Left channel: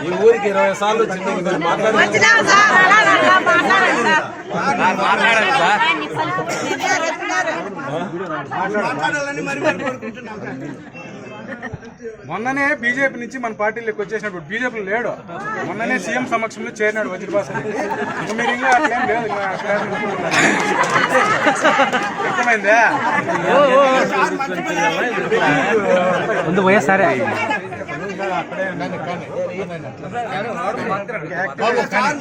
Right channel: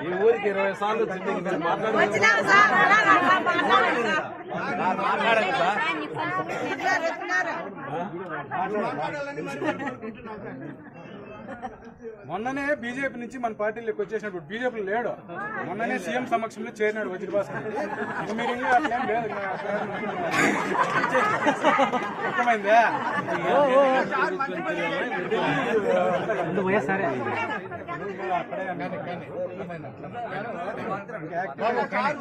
ఈ ఊరికి ఇరవై సార్లు చిన్న మీరు మాట్లాడారు మొన్ననే బీజేపీ నుంచి మన పార్టీలోకి వచ్చేసినప్పుడు బీజేపీ లేడు. మొన్ననే సీఎం సమక్షంలో చేరినాడు ఇంకా మీరు ఇంకా అట్లేం లేదు. అర్థమైందా? ముందు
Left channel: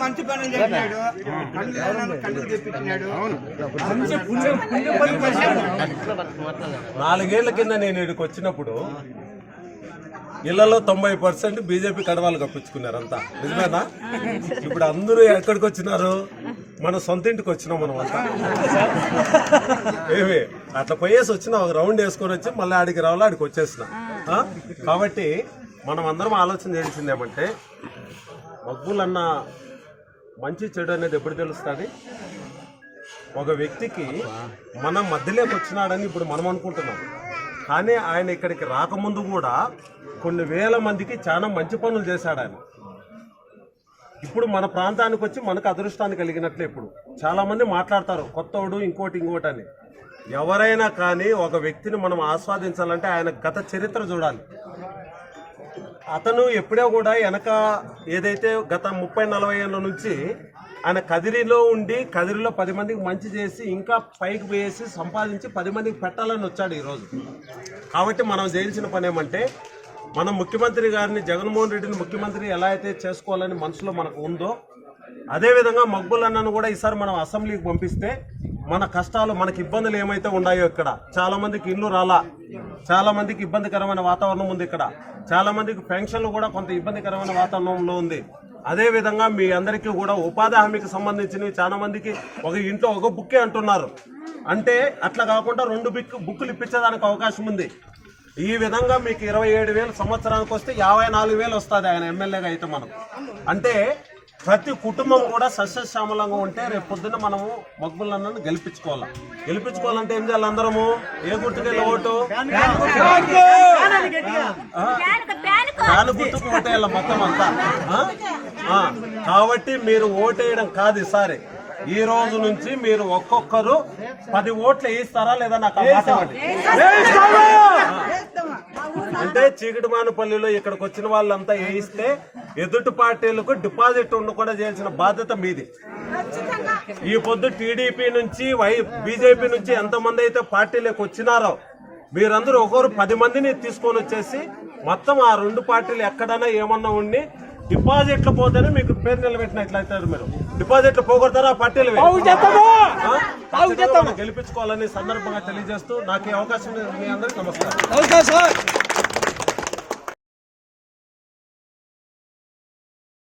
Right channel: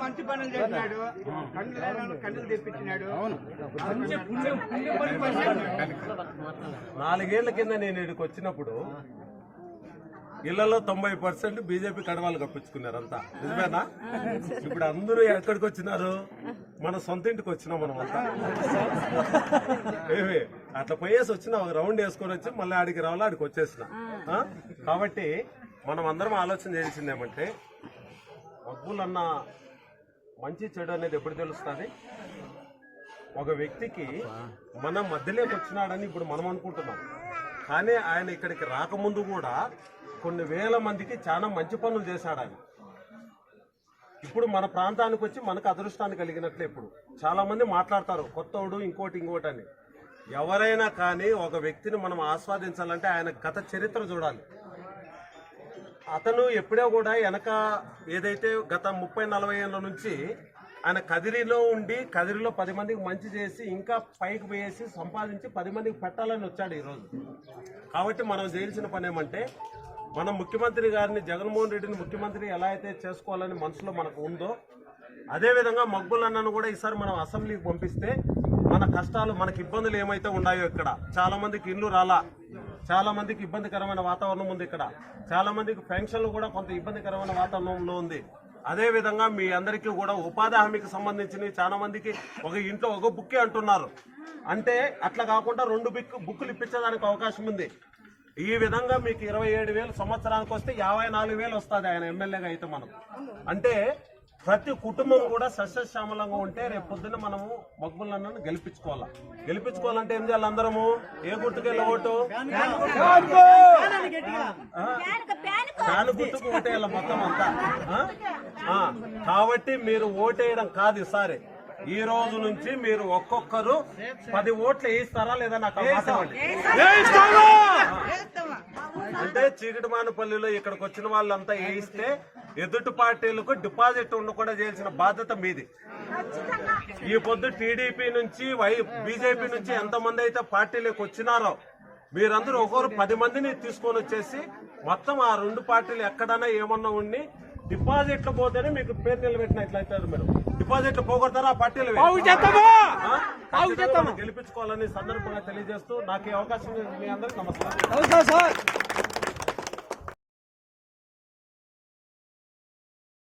మంచి పనులు చేసినాడు తెప్పించినాడు నాలుగేళ్ళ కింద నేను ఇక్కడికి వచ్చినప్పుడు ఇళ్ళలో తొంభై పర్సెంట్ బీజేపీ కడవాళ్ళు కప్పించుకున్నారు అంతా నిజమేనా? ఇప్పుడు అందరూ ఎక్కడికి వచ్చినారు? మన సొంత ఇంటికి వచ్చినాం మనం అంతా. ఏమి? అట్లా పోయేసి వచ్చినా. ఒక రౌండ్ వేసుకొని వచ్చి మళ్ళీ ఆడికి రావాలి ఆడికి వచ్చేసిన. కాబట్టి మనం అందరం ఆలోచన చేయాల్సింది ఏమంటే మగ్గులన్న మంచి చెడు అనేది ఎప్పుడు తెలుస్తుంది? ఒక వ్యక్తికి మన మధ్యలోకి వచ్చినాడని ఇప్పుడు మనం అనుకుంటున్నాం. కానీ ఆయన ఇక్కడికి రాకముందు కూడా కొన్ని వేల మందికి చాలా మంచి పనులు చేశాడు ఆయన. ఇప్పుడు మన ప్రాంతానికి వచ్చి మనకు అదృష్టాన్ని కలిగినట్లే ఇప్పుడు. చాలామంది మాట్లాడతారు కొత్తోడు ఇంకోటి ఇంకోటి అని. ఎవరైనా కానీ ఒక వ్యక్తిని మనం ఆస్వాదించాలంటే ఆయన గత చరిత్ర చూడాలి. అతను ఎప్పుడో కూడా వెనక ఏదైతే గత ముప్పై నలభై ఏళ్ళ నుంచి ఆయన కదిరిలో ఉండి కదిరిలో పది మందికి మంచి చేసి ఇంకా పైకి పోయేసి సంపాదించి పది మందికి పెట్టాలని వచ్చాడు ఈరోజు కాబట్టి మనం చేయాల్సిన పని ఏమంటే మనం ముఖ్యమంత్రి గారిని జగన్మోహన్ రెడ్డిని ముఖ్యమంత్రి ఎలా అయితే చేసుకోవాలని మనసులో మనకు ఉందో అదేవిధంగా మగ్గులన్నను కూడా ఈసారి మనం అసెంబ్లీకి పంపిస్తే మన కష్టాలు మనకి ఇబ్బందులు ఏమైతే ఉన్నాయో ఇక్కడ చాలామందికి ఇల్లు రాలా. చాలా మందికి ఇబ్బందికరమైన వాతావరణం ఉంది ఇక్కడ. చాలా మందికి పెన్షన్లు కూడా కొంత ఇబ్బందికరమైన వాతావరణంలో ఉంది. అదేవిధంగా మీ అందరికీ కూడా ఉపాధి హామీకి సంబంధించినవి చాలా మందికి ఒక ఇంట్లో ఒక బుక్కే అంటున్నారు. అంటే అట్లా కాకుండా రెండు బుక్ బుక్కులు ఇప్పించడానికి అవకాశం ఉంది. ఈ విధంగా మీకు ఇరవై ఏడు వేలు సంవత్సరానికి వస్తే యాభై నాలుగు వేలు వస్తుంది ఆయన ఎమ్మెల్యేగా అయితే మనం. అంటే ప్రతి కుటుంబం కూడా సస్యశ్యామలంగా ఉంటే రేపు పొద్దున్న మనము మగ్గులన్నను గెలిపించుకోవాలి గెలిపించుకోవాలంటే ఏం చేయాలి అందరము ఏ గుర్తుకెళ్ళి ఓటు ఆ? ఫ్యాన్ గుర్తుకు ఓటేయాలి మొత్తం అంతా. కాబట్టి మీరు ఓటేయడం కాదు ఈసారి ఈ రోజు నుంచి మీరు ఒక్కొక్కరు పది ఓట్లు వేయిస్తారా లేదా నాకు. అంటే చీకటిమానపల్లిలో ఇక్కడికి వచ్చిన వాళ్ళంతా వేయిస్తే ఎదుటి పార్టీలకు డిపాజిట్ ఉండకుండా చేయాల్సిన బాధ్యత మీది. ఈ పొద్దు టీడీపీ నుంచి వై బీజేపీ నుంచి ఎంతమంది అయితే పార్టీలకు వచ్చినారో మీరందరూ ఒకరు పది మందిని తీసుకొని వచ్చేసి మొత్తం ఆ రెండు పార్టీలు ఎక్కడైనా ఏమన్నా ఉండి డిపాజిట్లు పోతేనే మీకు పేరు నిలబెట్టినట్లయితారు మీరు. డిపాజిట్లు పోగొడతారా? పార్టీలు గెలిపించుకోవాలని సందర్భంగా తెలియజేస్తూ నాకు ఈ అవకాశం మీ అందరికీ నమస్కారం.